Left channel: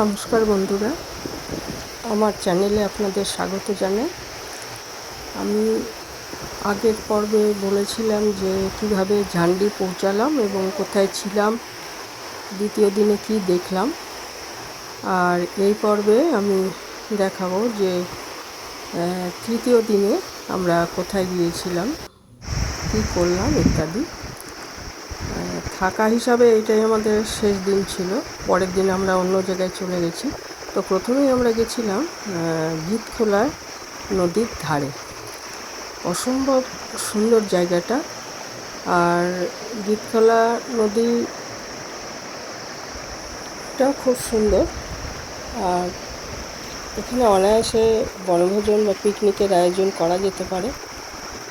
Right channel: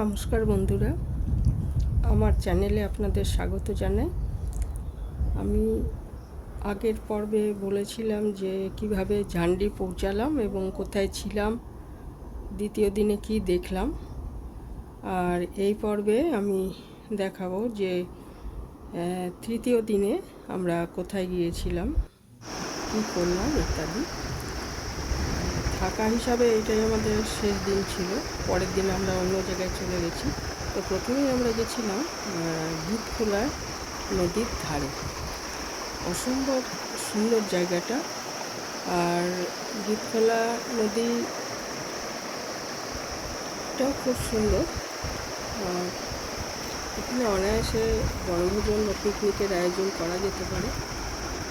নমস্কার বন্ধুরা, আমার চ্যানেলে আপনাদের স্বাগত জানাই। আমি আগের পর্বে বলেছিলাম যে কিভাবে ঝান্ডি পৌঁছালাম এবং কোথায় ছিলাম, দ্বিতীয় দিনে কি দেখলাম। আর এই পর্বে আমি দেখাবো যে তৃতীয় দিনে আমরা কোথায় গিয়েছিলাম, কী করলাম ইত্যাদি। থাকা হিসাবে এটাই আমাদের শেষ দিন ছিল। পরের দিন আমরা অন্য জায়গায় চলে গেছি। তো প্রথমেই আমরা গেছিলাম গীতখোলা নদীর ধারে। অসম্ভব সুন্দর জায়গাটা। আর গীতখোলা নদীটাও খুব সুন্দর। আর এখানে অনায়াসে বনভোজন বা পিকনিকের আয়োজন করা যেতে পারে,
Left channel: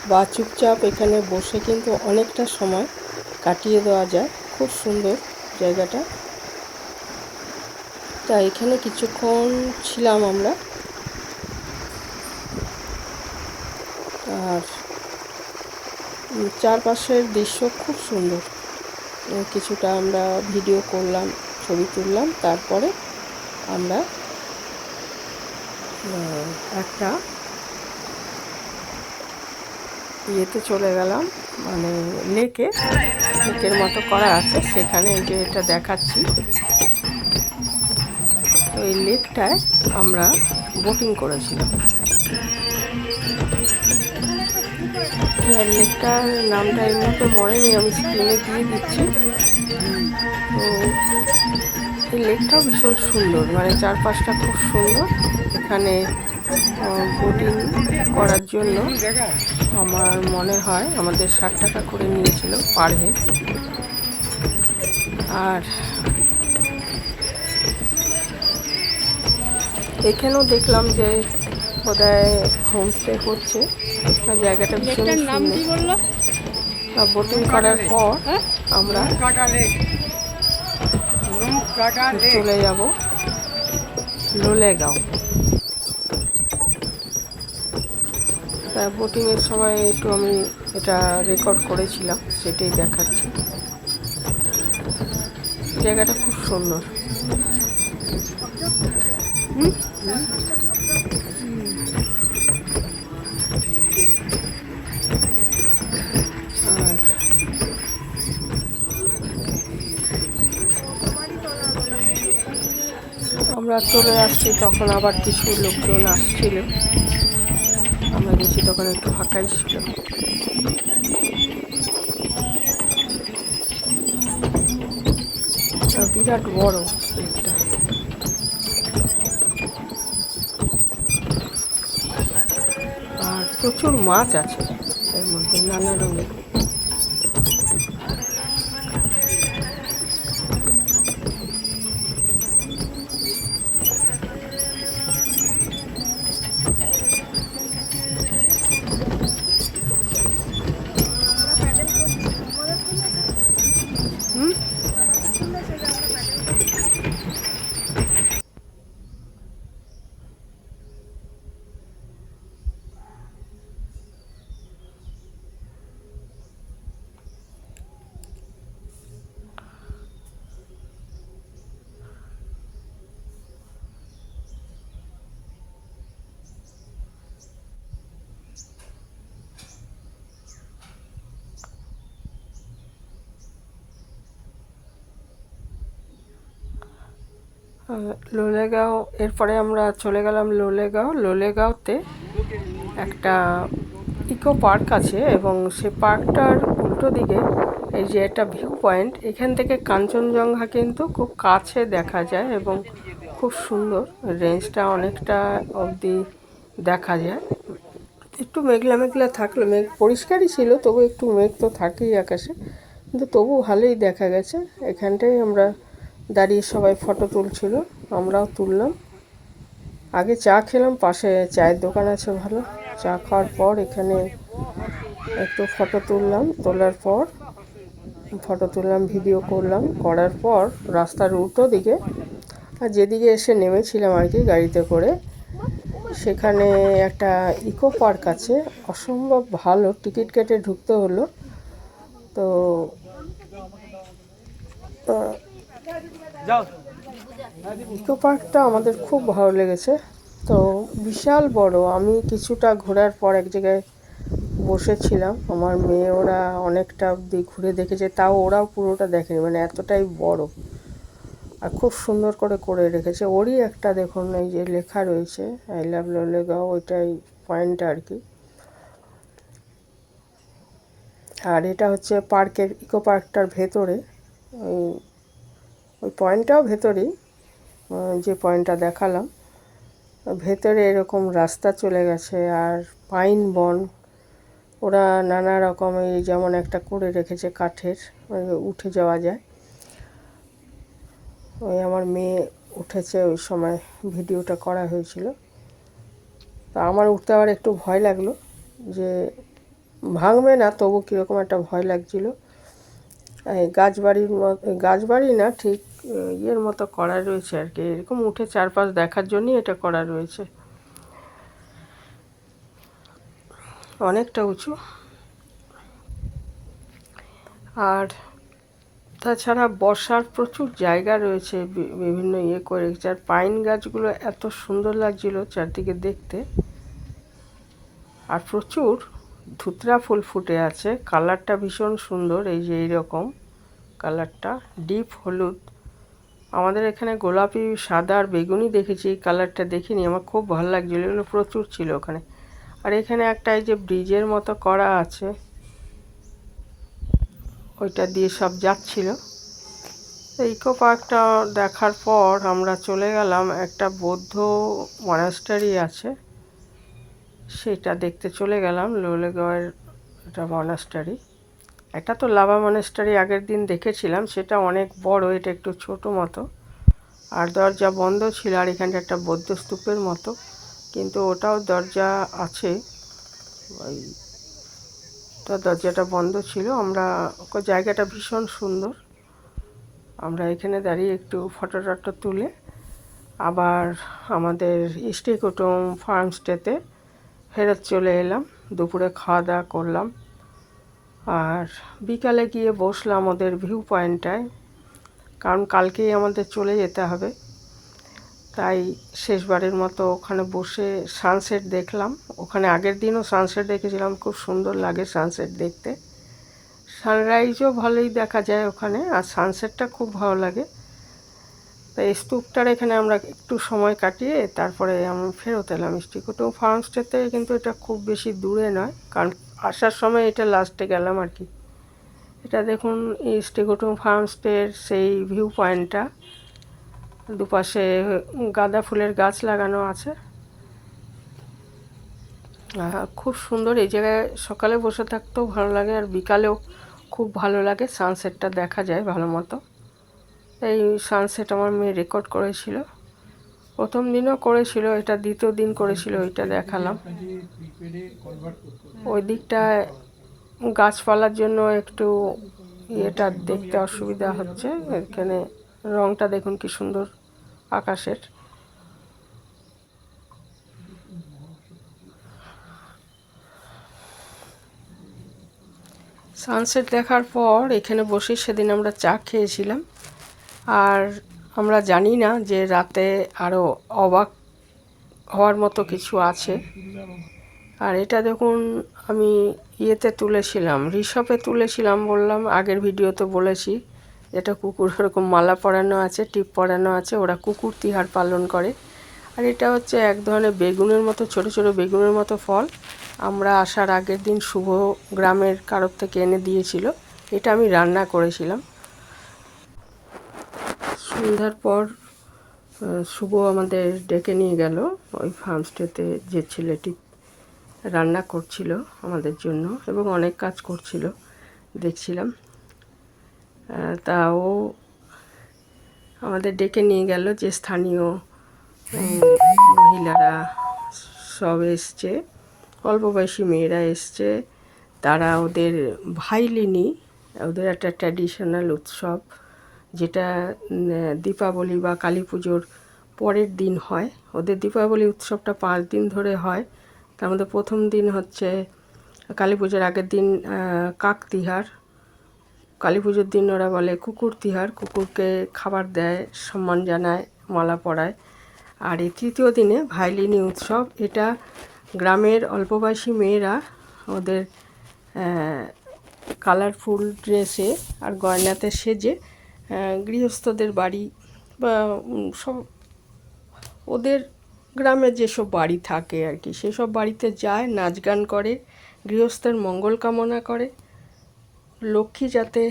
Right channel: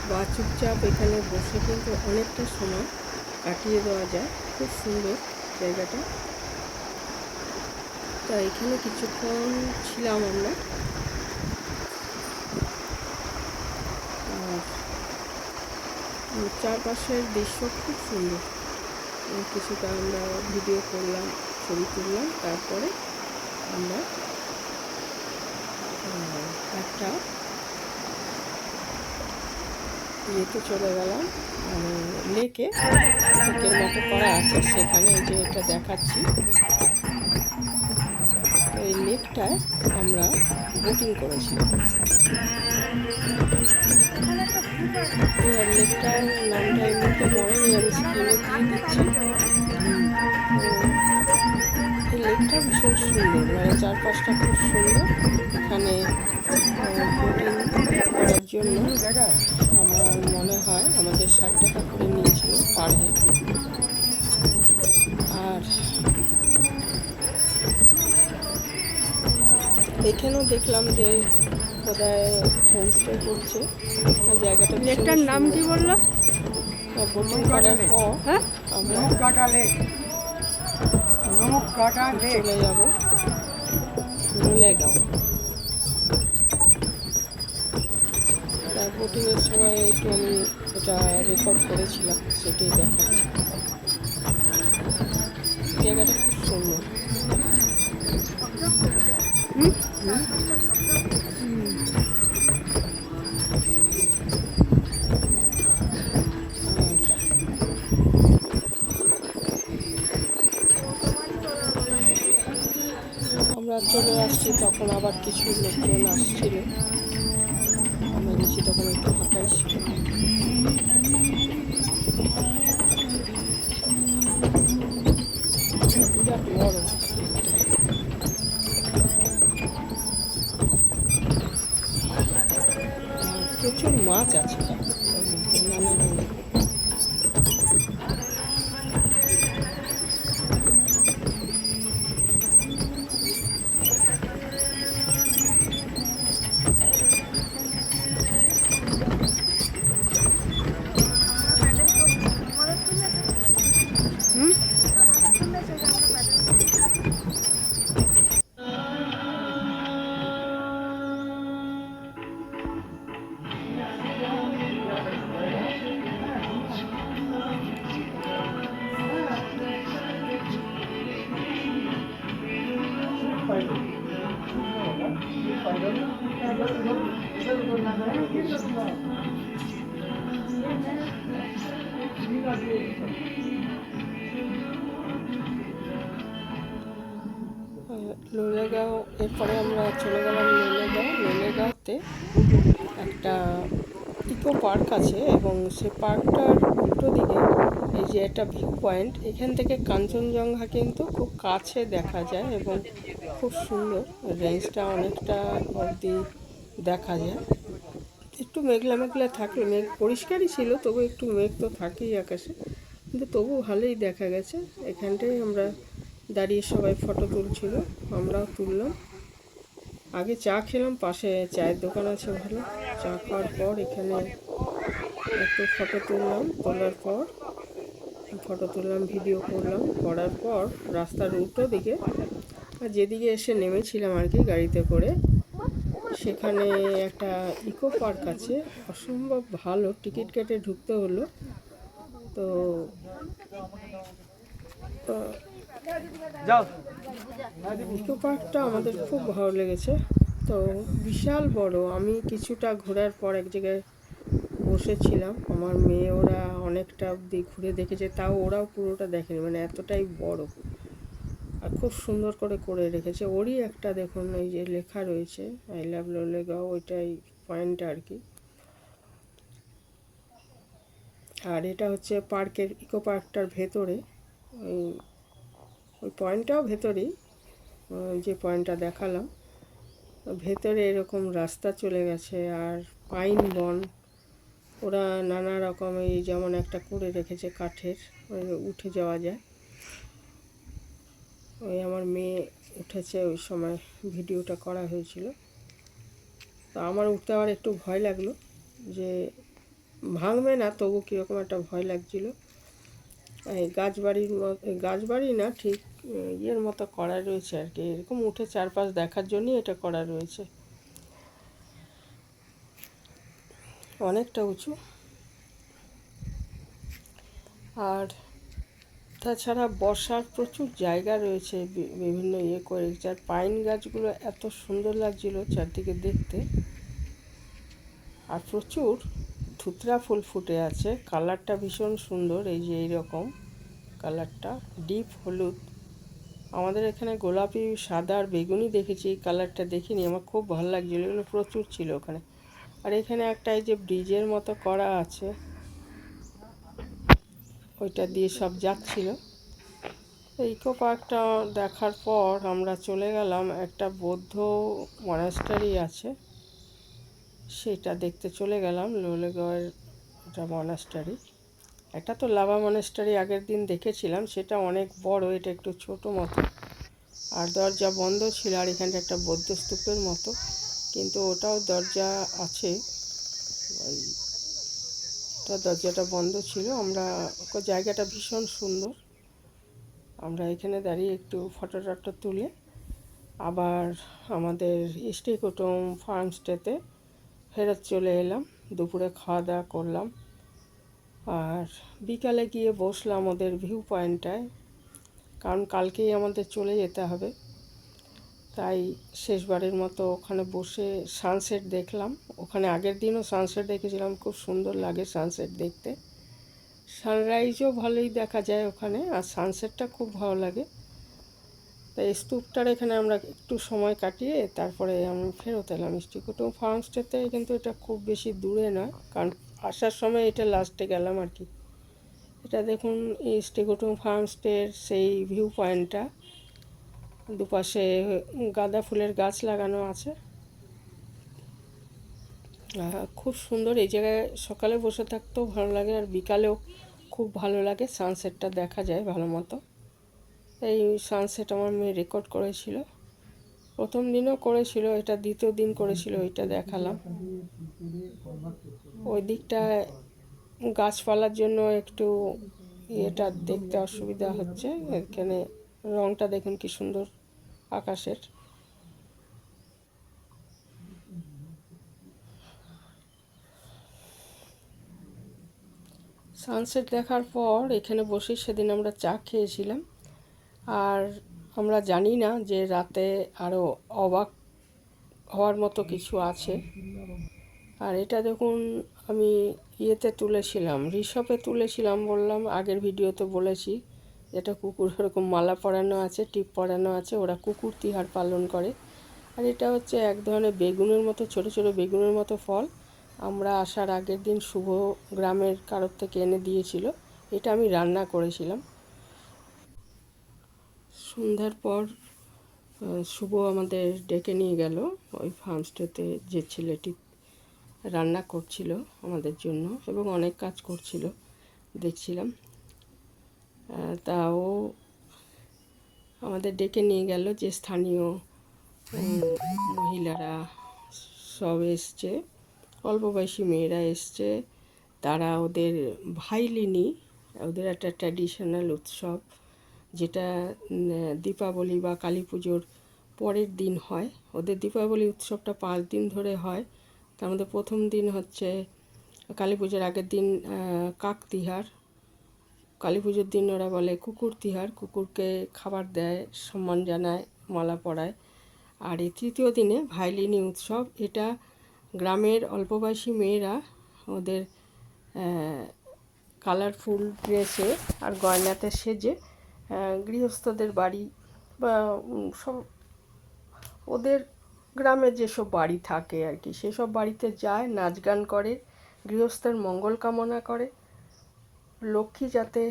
বা চুপচাপ এখানে বসে কিন্তু অনেকটা সময় কাটিয়ে দেওয়া যায়। খুব সুন্দর জায়গাটা। তা এখানে কিছুক্ষণ ছিলাম আমরা। আর চারপাশের দৃশ্য খুব সুন্দর। কিছুটা আমরা ভিডিও করলাম, ছবি তুললাম। তারপরে আমরা একটা ইয়েতে চলে গেলাম, মানে লেকের মতো করা আছে সেখানে। যে এটা দেখাচ্ছি, এই লেকটায় আমরা বোটিং করেছিলাম। লেকটার নামটা এই মুহূর্তে মনে নেই, আমি স্ক্রিনে দিয়ে দিচ্ছি। এই লেকটাও ভীষণ সুন্দর, মানে চারপাশটা খুব সুন্দর। এখানে বোটিং করার জন্য আমার মনে হয় আমাদের 60 টাকা করে নিয়েছিল পার হেড। আর এখানেও দেখলাম যে বোধহয় হোমস্টে করছে। আর জায়গাটা লেকটার নাম কি বললো? বোটিং করার পর আমরা চলে যাব লোলেগাঁও। বোটিংয়ের সময় একটু আমি এটা রেকর্ড করেছিলাম, সেটাই দেখাচ্ছি। জায়গাটা খুব সুন্দর। আমরা চলে আসছি, তখন আবার কিছু লোকজন আসছিল। আমরা গেছি তখন একটু ফাঁকাই ছিল। বিরাট বড় একটা। আর প্রচুর মাছ আছে এর মধ্যে, নানা রঙের। লোলেগাঁও, এরপরে আমরা চলে গেলাম লোলেগাঁওতে একটা ইকো পার্ক আছে, এবং সে পার্কটার উল্টো দিকে এই যে একটা ভিউ পয়েন্ট, এখান থেকে কাঞ্চনজঙ্ঘা কিন্তু খুব কাছে দেখা যায় এবং খুব সুন্দর। রেঞ্জটা অনেকটা অবধি দেখা যায়। একটু মেঘলা মেঘলা থাকলো, মেঘ পরিষ্কারই ছিল, তবু একটু মেঘ তো থাকেই আকাশে, কিন্তু তবু ভালোই দেখা গেছে। এখানটাই আমরা দাঁড়িয়ে সবাই ফটো তুলছিল, আমরাও তুললাম। আগে চা খেলাম, পাশে চায়ের দোকান আছে ভালো। চা খাওয়ার পর এখানে একটু ফটো তুললাম। তোলার পর ফটো তুললাম, ভিডিও করলাম। করার পর রাস্তার উল্টো দিকে, আর যেদিকে এসে নেমেছিলাম আর কি গাড়িতে করে, সেখানে একটা ইকো পার্ক আছে, অসম্ভব ভালো। টিকিট কেটে ঢুকতে হলো। তো ইকো পার্কটা আমাদের খুব ভালো লেগেছে। তো বিশাল বড়, আমি কিছুটা ঘোরার পর এক জায়গায় বসেছিলাম, আমার মেয়ে ওরা অনেকটা অবধি ঘুরে দেখেছে, তাও ওরাও পুরোটা দেখেনি, মানে এতটাই বড়। আর খুব সুন্দর করে করে রেখেছে। ওরই একটা দেখুন এই যে লেখা রয়েছে আই লাভ লোলেগাঁও, ওইটাই পয়েন্টটা আর কি। আর এটা হচ্ছে পার্কের, ইকো পার্কটার ভেতরে, ওই ওই পয়েন্টটাও ভেতরেই, যে পয়েন্টটা দেখালাম ভেতরে এরকম রাস্তা চলে গেছে। আর পাইন বন, ওরা নানা রকমের, যেমন একটা করে রেখেছে কাঠের, উঠে যাওয়া যায়। ওই আমার মেয়ে উঠেছে, ওই সময় ভিডিওটা করা হয়েছিল। তো আমার উঠতে আবার একটু ভয় লাগলো, যে ভাঙবে না, তবু কীরকম একটা ভয় লাগছিল। এই গাছবাড়ি না ঠিক ইয়ের মতো করা রয়েছে আর কি, এরকম উঠে চারপাশ দেখার জন্যই এটা করা রয়েছে, অনেকটা উঁচু। আর তাছাড়া বসার প্রচুর জায়গা রয়েছে, বিভিন্ন ইয়ে করে রেখেছে। আর পাইন গাছগুলো এত সুন্দর লাগছিল চারদিকে দেখতে। আর প্রচুর ধুতরা ফুল ফুটে আছে, কালারটা ভীষণ সুন্দর, এই যে এইরকম কালারটা ডিপ হলুদ। আমাদের এখানে গোলাপি, সাদা আর বেগুনি দেখেছি, এই কালারটা দেখিনি, আমার খুব ভালো লাগছিলো, এগুলো প্রচুর ছিল ওখানে। আর এখানে একটা এই যে ব্রিজের মতো করা আছে, ওইটা দিয়ে সব যাচ্ছিল। ইকো পার্কটা দেখার পর আমরা চলে গেলাম, একটা বৌদ্ধ মনাস্টারি আছে, সেটা দেখতে চলে গেলাম। লোলেগাঁওয়ের একটা মনাস্টারি, একটা তো লাভা মনাস্টারি আগের দিন দেখেছিলাম, সেটা অনেক বড়, এটা একটু ছোট মতো। আর দরজা বন্ধ ছিল। আর এখানটা একটা বৌদ্ধ স্তূপের মতো, কিন্তু ওটাও দরজা আছে, ওই তো দরজাটা বন্ধ ছিল। আমরা জায়গাটা ভীষণ সুন্দর, আমরা এখানে দাঁড়িয়ে একটু ফটো টটো তুলে আবার আমাদের ইষ্টি কুটুম ফার্মস্টেতে ফেরত চলে এলাম। দুপুরে খাওয়া দাওয়া করলাম, আর বিকালে গিয়ে বসলাম ওদের ভিউ পয়েন্টটায়, কারণ কালকেই আমাদের চলে যেতে হবে। তাই শেষবারের মতো ওখানে বসে সানসেট দেখলাম। ওখানে আগের দিনও সানসেট দেখেছিলাম, খুব সুন্দর লাগে সানসেট দেখতে। সানরাইজও ভালোই দেখা যায় ওখানে, আর সানসেটটা খুব ভালো লাগে। তাই স্তূপটার এখানে আমরা একটু সময় কাটিয়ে তারপরে আমরা ফেরত এলাম ইষ্টি কুটুম ফার্মস্টে থেকে। কিন্তু এটা খুব বেশি দূরে নয়, কারণ আসার সময় এটা লাস্টে গেলাম আর কি। এটা দেখুন ইষ্টি কুটুম ফার্মস্টের সেই ভিউ পয়েন্টটা, দুপাশে গাঁদা ফুলের গাছ লাগানো আছে, খুব সুন্দর। এই জায়গায় সকালে বসে থাকতেও ভালো লাগে, আর বিকালেও খুব ভালো লাগে, সানসেটটা দেখা যায় ভালো মতো। এই সানসেট আমার মেয়ে রেকর্ড করেছিল, প্রথম দিনও করেছিল, এটা দ্বিতীয় দিন করেছিল, ওইটা দেখালাম। ওই দিকটায় গাছপালার জন্য একটু এটা দেখতে অসুবিধা হচ্ছে। এখানে রংটা দেখুন কি সুন্দর আকাশের। সানসেট দেখার পর এখানে বসে সেদিন আমরা চা খেয়েছিলাম। আর আমরা জানি না যে রাতে আরও অবাক হওয়ার মতো কিছু আছে। আর এটা দেখুন আমি ইয়েতে তুলেছিলাম, ঋষভে তুলেছিলাম, বললাম আগের ভিডিওতে বলেছি, এটা কুকুর এরকম মালা পরানো আছে, টিপ পরানো আছে, ওরা কুকুর তিহার পালন করে। আর এটা হচ্ছে এক ধরনের বেগুনের মতো, ছোট ছোট বেগুনের মতো ফল। আমরা আসার আগের দিন শুভ গ্রামের কারোর থেকে এনে দিয়েছিল, এটা আমি রান্না করেছিলাম। সন্ধ্যার পর শুভ আমাদের ডেকে নিয়ে গেল ওই ফার্মস্টেতে, যে ছেলেটি রান্না করছিল আমাদের জন্য এবং অনেক কাজ করছিল দেখছিলাম। তাও আমাদের ডেকে নিয়ে গেল, যে স্থানীয় মহিলারা সব এসছে, অল্প বয়সী মেয়েরা এসছে, তারা ওদের ভাইলিনি, ওদের একটা ট্র্যাডিশনাল উৎসব, যেটা দীপাবলি বা কালী পুজোর পরের দিন হয়। ওদের দীপাবলি উৎসবটা 5 দিন ধরে হয়। তার মধ্যে প্রথম দিন হচ্ছে কালী পুজোর আগের দিন কাক তিহার, কালী পুজোর দিন ওরা বলে কুকুর তিহার, কুকুরকে খাবার দেয়, সম্মান জানায়, মালা পরায়। আর এই তৃতীয় দিনে ভাইলিনি উৎসব। এটা গ্রামের অল্পবয়সী মেয়েরা ওদের কালারফুল ড্রেসে আর গয়নাতে সেজে গৃহস্থদের বাড়ি বা সব ওদের গ্রামের যেসব বাড়ি থাকে আর কি, সেসব বাড়িতে যায়, নাচ গান করে, গৃহস্থের মঙ্গল কামনা করে, লক্ষ্মী যাতে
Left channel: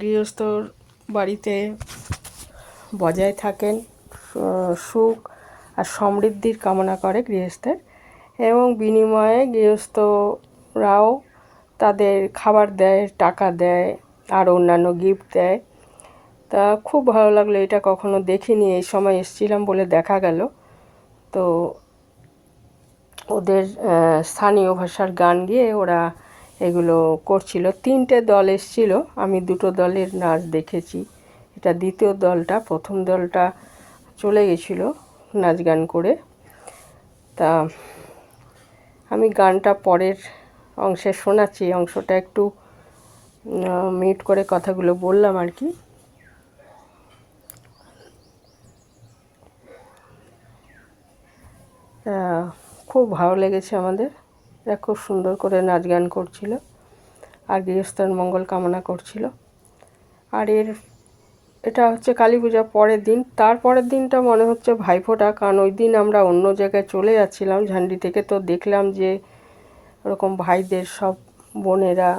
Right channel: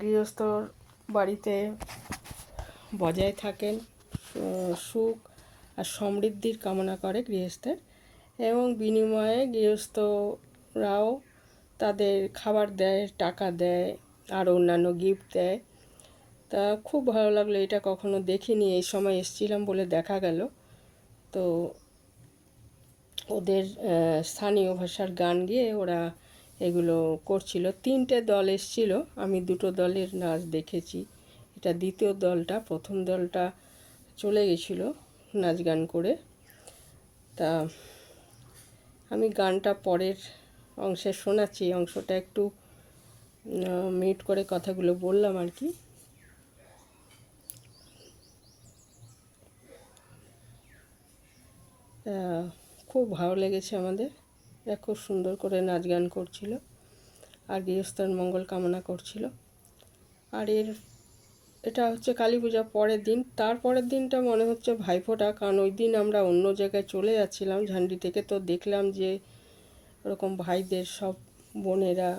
গৃহস্থর বাড়িতে বজায় থাকেন, সুখ আর সমৃদ্ধির কামনা করে গৃহস্থের, এবং বিনিময়ে গৃহস্থরাও তাদের খাবার দেয়, টাকা দেয় আর অন্যান্য গিফট দেয়। তা খুব ভালো লাগলো, এটা কখনো দেখিনি, এই সময় এসেছিলাম বলে দেখা গেল। তো ওদের স্থানীয় ভাষার গান গেয়ে ওরা এগুলো করছিল। 3টে দল এসেছিল, আমি 2টো দলের নাচ দেখেছি। এটা দ্বিতীয় দলটা, প্রথম দলটা চলে গেছিল নাচ গান করে। তা আমি গানটা পরের অংশে শোনাচ্ছি, অংশটা একটু মিউট করে কথাগুলো বললাম আর কি। খুব ভালো লেগেছে আমাদের, এরা খুব সুন্দর করে নাচ গান করছিল আর গৃহস্থের মঙ্গল কামনা করছিল। আর এটা হচ্ছে কালী পূজার পরের দিন। তারপরের দিনটা মনে হচ্ছে ভাইফোঁটা, কারণ ওই দিন আমরা অন্য জায়গায় চলে যাচ্ছিলাম ঝান্ডি থেকে। তো দেখলাম যে ওরকম ভাইদের সব বোনেরা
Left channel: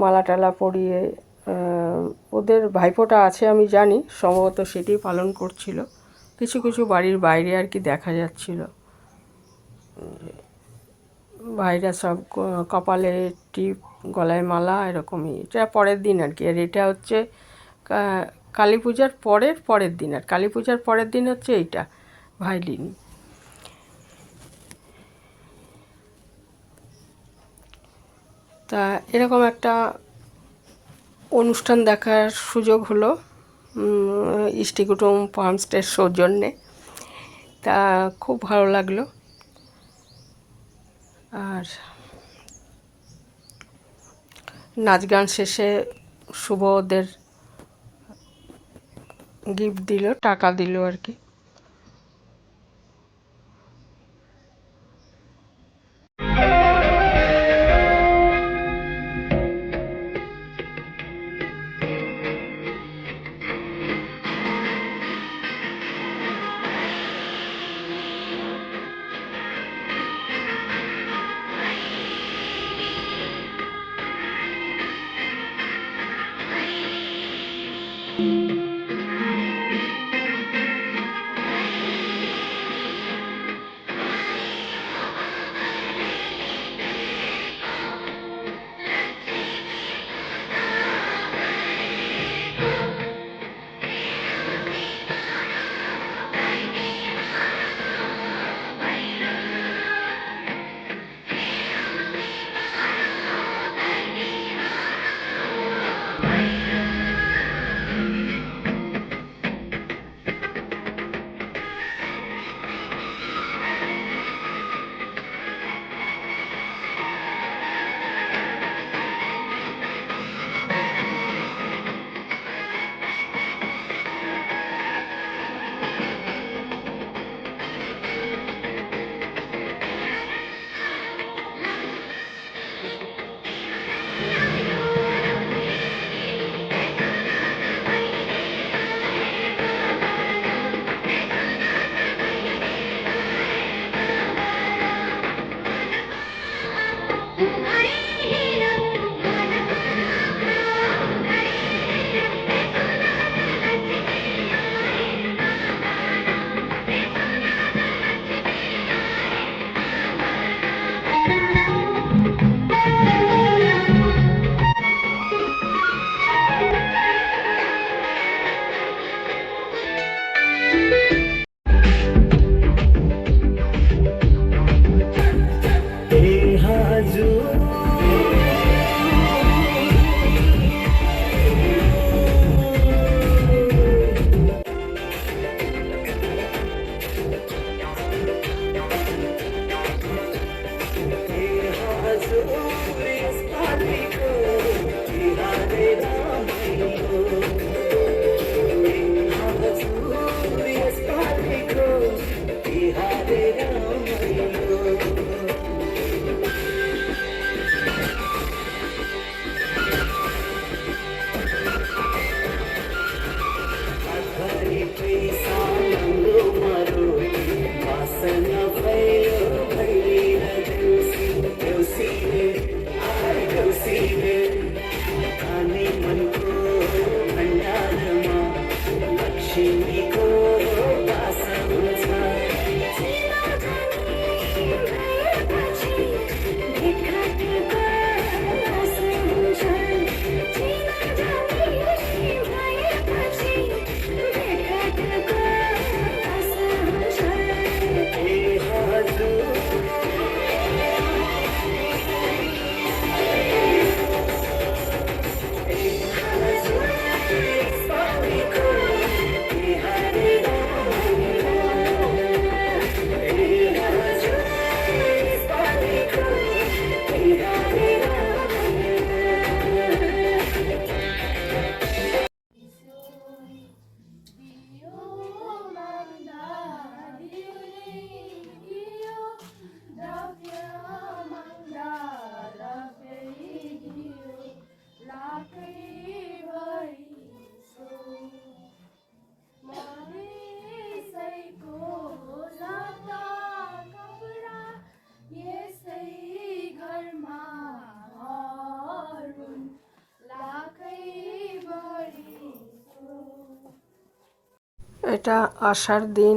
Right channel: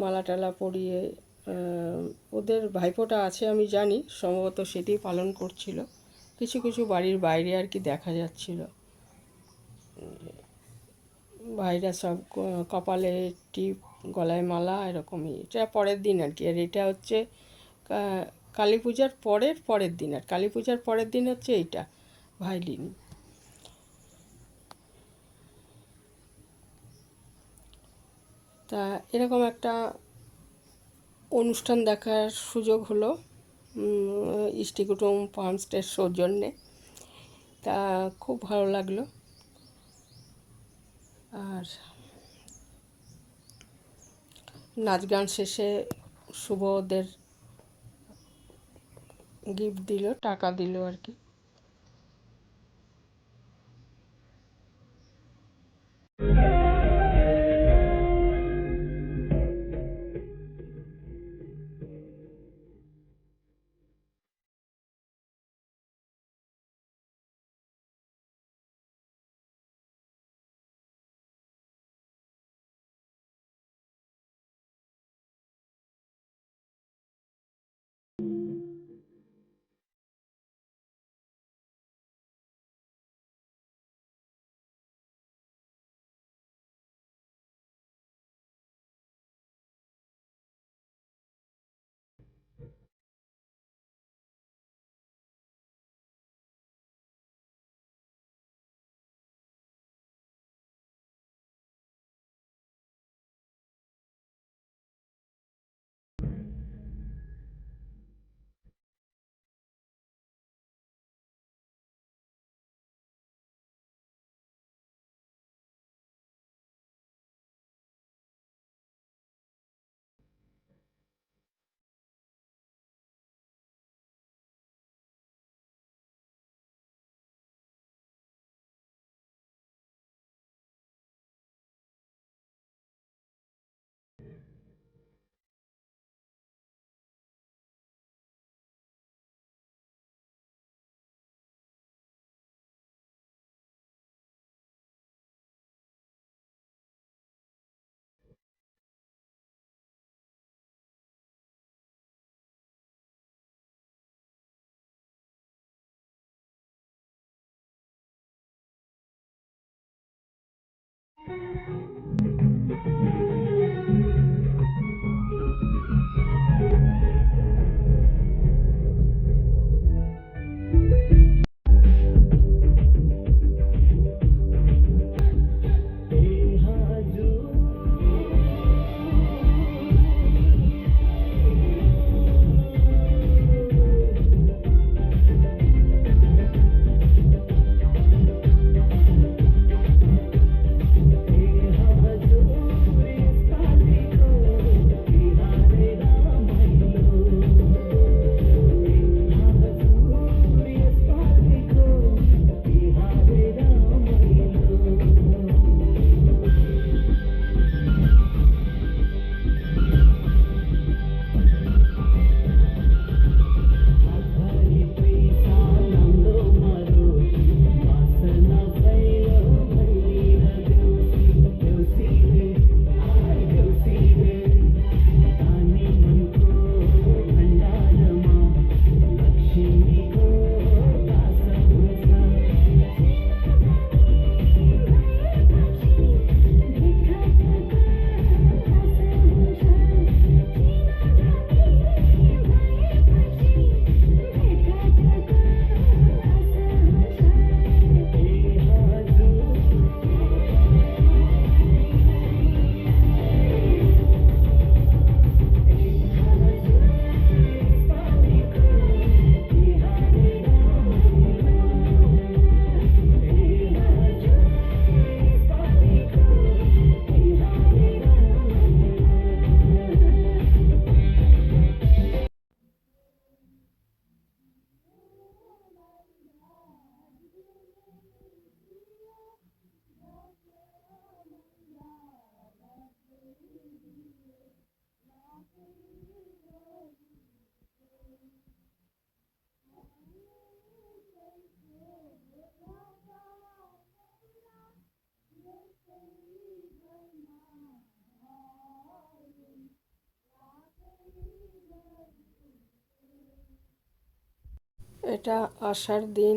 মালা টালা পরিয়ে ওদের ভাইফোঁটা আছে আমি জানি, সম্ভবত সেটি পালন করছিল। কিছু কিছু বাড়ির বাইরে আর কি দেখা যাচ্ছিল ভাইরা সব কপালে টিপ, গলায় মালা, এরকমই। এটা পরের দিন আর কি। আর এটা হচ্ছে কালী পূজার পরের দিন। আর কালী পূজার পরের দিন হচ্ছে এইটা ভাইলিনি। তা এরকম একটা অনুষ্ঠান দেখার সুযোগ হলো ইষ্টি কুটুম ফার্মস্টের সৌজন্যে। তা খুব ভালো লাগলো। আর নাচ গান শেষে শুভ ওদের গিফট দিল, টাকা দিল আর কি। এটা আষাঢ় দিন,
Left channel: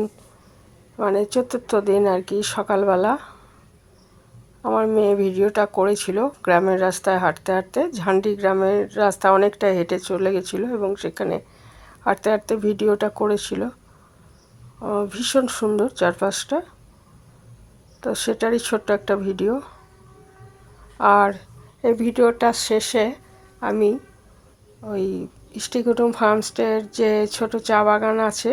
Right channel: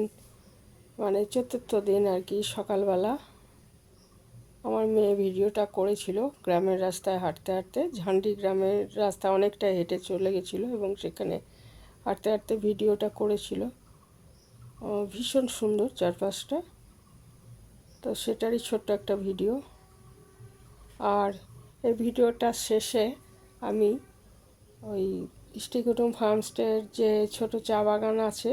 মানে চতুর্থ দিন আর কি, সকালবেলা আমার মেয়ে ভিডিওটা করেছিল গ্রামের রাস্তায় হাঁটতে হাঁটতে। ঝান্ডি গ্রামের রাস্তা অনেকটা হেঁটে চলে গেছিলো এবং সেখানে হাঁটতে হাঁটতে ভিডিওটা করেছিল। ভীষণ সুন্দর চারপাশটা, তো সেটারই ছোট্ট একটা ভিডিও। আর এই ভিডিওটা শেষে আমি ওই ইষ্টিকুটুম ফার্মস্টের যে ছোট চা বাগান আছে,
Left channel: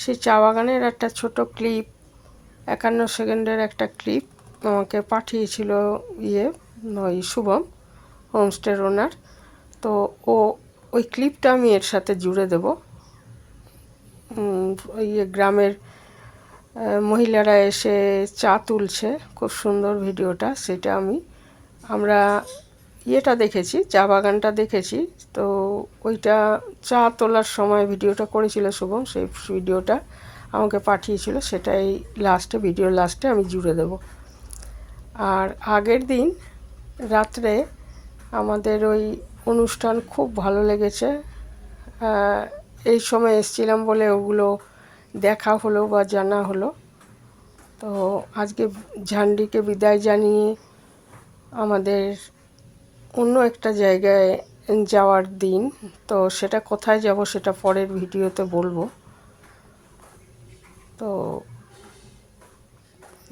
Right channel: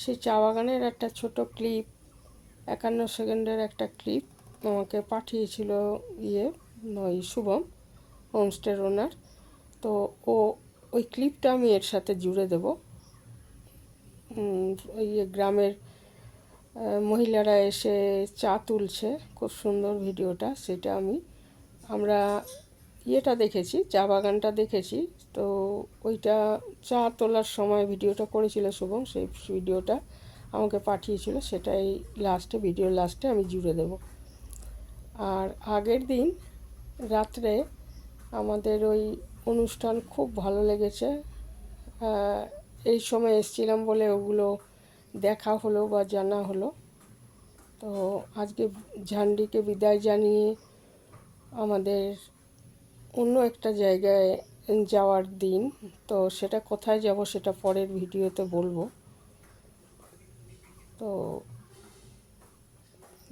সেই চা বাগানের একটা ছোট ক্লিপ, 51 সেকেন্ডের একটা ক্লিপ আমাকে পাঠিয়েছিল ওই শুভম, হোমস্টের ওনার। তো ওই ক্লিপটা আমি এর সাথে জুড়ে দেব। ওই গ্রামের মহিলারা এসে চা তুলছে, খুব সুন্দর ভিডিওটা। সেটা আমরা দেখেছি, চা বাগানটা দেখেছি। তো ওইটা চা তোলার সময় ভিডিওটা করেছিল শুভম, সেই ভিডিওটা আমাকে পাঠিয়েছিল, সেটাই ভিডিওর লাস্টে আমি জুড়ে দেব। আর আগের দিন রাত্রে আমাদের ওই অনুষ্ঠান খুব ভালো লেগেছে। এই সময় এসেছিলাম বলে ওগুলো দেখা হলো বা জানা হলো। তো আজকে ঝান্ডিকে বিদায় জানিয়ে আমাদের অন্য একটা জায়গায় যাওয়ার দিন। তো সেটা কোথায় যাব সেটা পরের ভিডিওতে বলবো। তো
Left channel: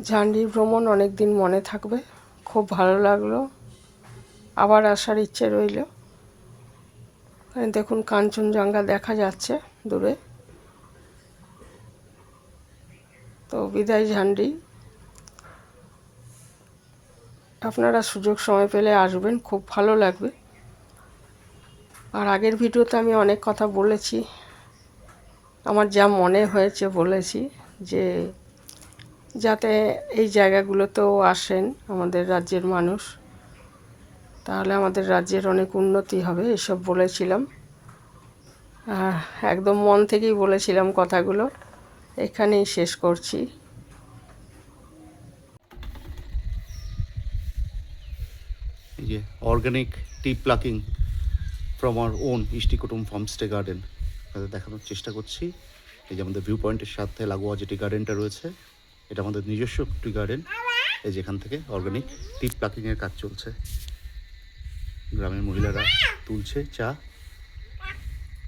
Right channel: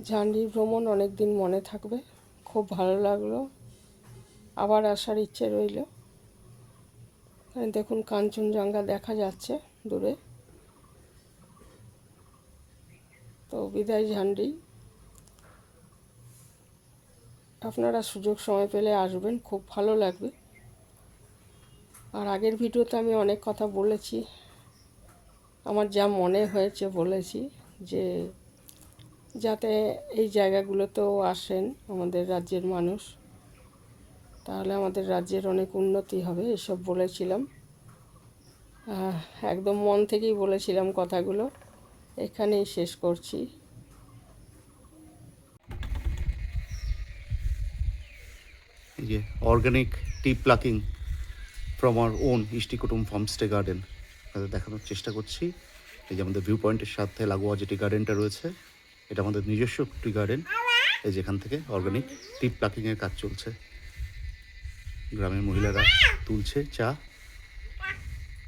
ঝান্ডির ভ্রমণ অনেক দিন মনে থাকবে, খুব ভালো লাগলো, আবার আসার ইচ্ছে রইল। দেখুন কাঞ্চনজঙ্ঘা দেখা যাচ্ছে দূরে। তো বিদায় ঝান্ডি, আপনারা সুযোগ সময় পেলে আসবেন, খুব ভালো লাগবে। আর আগের ভিডিওতে আমি অনেক কথা বলেছি, আমার যা মনে হয়েছে বলেছি, যে যাতে এই জায়গাগুলোতেও আসেন আমাদের রাজ্যের মানুষ, তাহলে আমাদের রাজ্যের অনেক উন্নতি হবে, এসব বলেছিলাম। একদম মন থেকেই বলেছিলাম কথাগুলো। এখানেই শেষ করছি। এই যে organic T plucking from our own Ishtikutum farmstay garden আপনাদের দেখানোর চেষ্টা করছি। এই যে আমাদের ভিউ পয়েন্টের সাথে লাগোয়া যে টি গার্ডেনটা রয়েছে, এটা আমাদের নিজস্ব টি গার্ডেন। এই যেখান থেকে অর্গানিক টি প্লাকিংয়ের কাজ চলছে, গ্রামের মহিলারা তুলছে চা,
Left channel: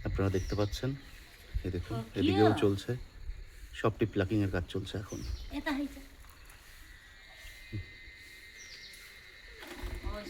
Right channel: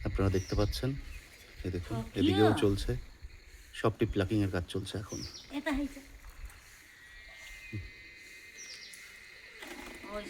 আপনারা দেখতে পাচ্ছেন। এই দেখুন এদিকেও চলছে, সব টি প্লাকিংয়ের কাজ চলছে এখন। ওই